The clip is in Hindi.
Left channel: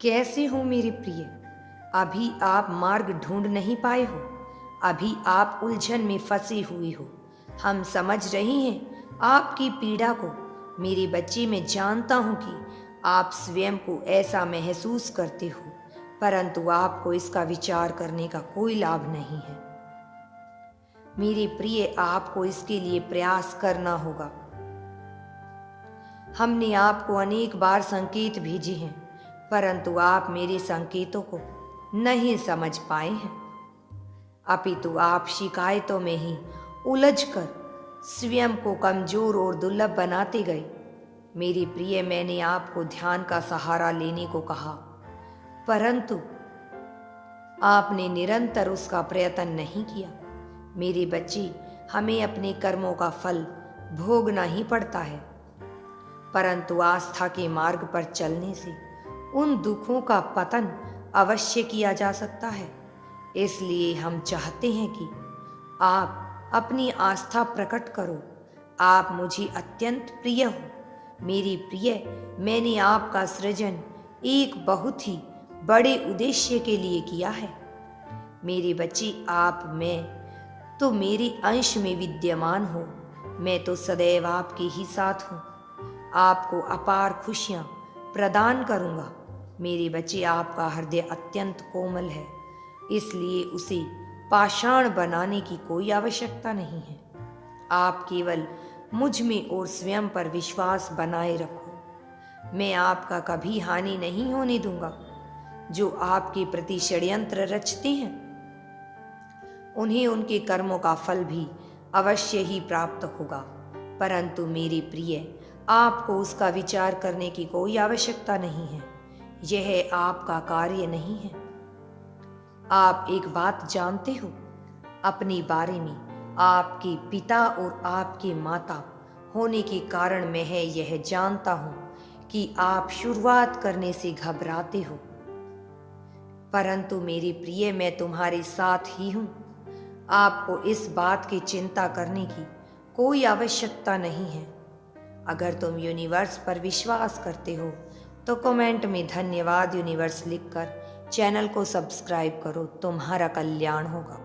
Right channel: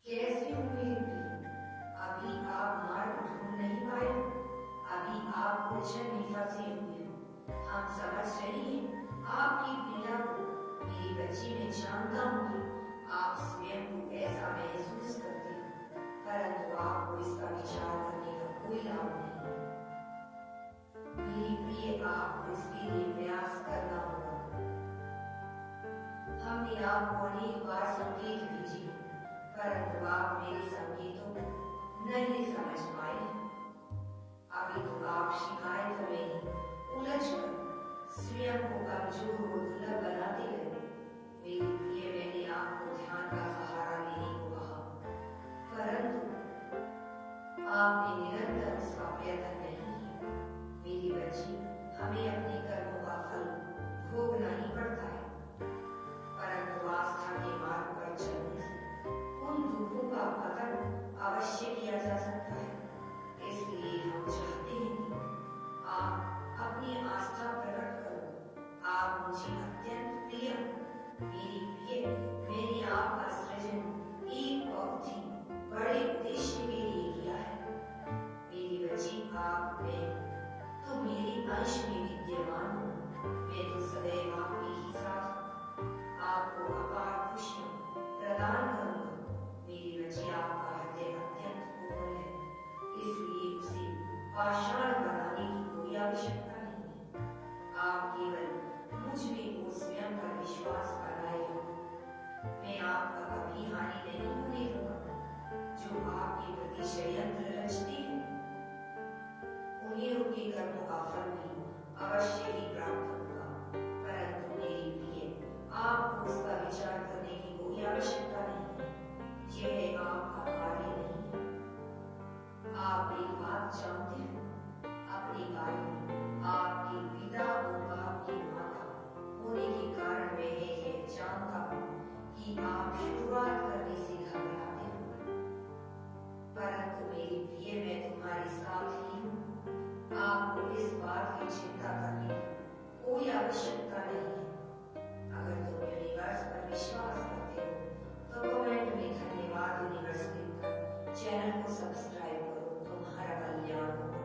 कैसे हो मेरे प्रिय? अभी आप मार्ग ढूंढ नहीं पाए हो। अभी आप उलझन में फंसे हुए हो। हम समझ रहे हैं आपकी पीड़ा को। मेरे बच्चे, मैं जानता हूं कि आप स्वयं को ऐसा महसूस करते हो, परंतु आपको इसका विचार करने का कोई लाभ नहीं है। मेरे प्रिय, आपको इसके लिए प्रयास करना होगा। हमने आपको अनेक बार संकेत भेजे हैं, परंतु आप मेरे संकेतों को नहीं समझ पाए हैं। अपितु आप शिकायतों में ही उलझकर स्वयं को कमजोर और दुर्लभ बनाते गए। मेरी प्रिय, मैंने आपको ध्यान का सहारा लेने को कहा, परंतु आपने निरंतर उसका प्रयत्न नहीं किया। मेरे बच्चे, हमें अपने कर्मों का फल भोगना ही पड़ता है, परंतु आस्था के मार्ग पर चलने से उन दुखों का पतन अवश्य किया जा सकता है। इसलिए हम चाहते हैं कि आप अपनी आस्था प्रकट करो। आप मुझे अत्यंत प्रिय हो। मेरी प्रिय, मैंने आपका सृजन एक बहुत ही बड़े उद्देश्य के लिए किया है। मेरे बच्चे, आप में तो मेरे अंश में विद्यमान हो। मैं तो सदैव आपके ही साथ हूँ। आपको अपार खुशियाँ प्रदान करूँगा। मेरे बच्चे, आपका हृदय अत्यंत कोमल है, इसलिए उसे पाषाण बनाने की कोई आवश्यकता नहीं है। आप केवल मुझ में और स्वयं पर विश्वास बनाए रखो। मैं आपका कभी हानि नहीं होने दूंगा। जो आपके प्रति षड्यंत्र रचते हैं, उन्हें उनके कर्मों का फल भी अवश्य ही प्राप्त होगा, परंतु मेरे प्रिय, आपको उसका विचार करने की कोई आवश्यकता नहीं है। यह आपका कार्य नहीं है। आप एक बात जानते हो अपने बारे में? आपके पिता और आपके माता होने के कारण मैं यह जानता हूं कि आप शुरुआत करने से घबराते हो, परंतु मेरी प्रिय, मैं तुम्हारे साथ ही हूं। आपको इस बात की चिंता करने की कोई आवश्यकता नहीं है। अगर तुम यूनिवर्स पर विश्वास करते हो तो कमेंट में धन्यवाद यूनिवर्स लिखकर चैनल को सब्सक्राइब करो। तुम्हारा कल्याण होगा।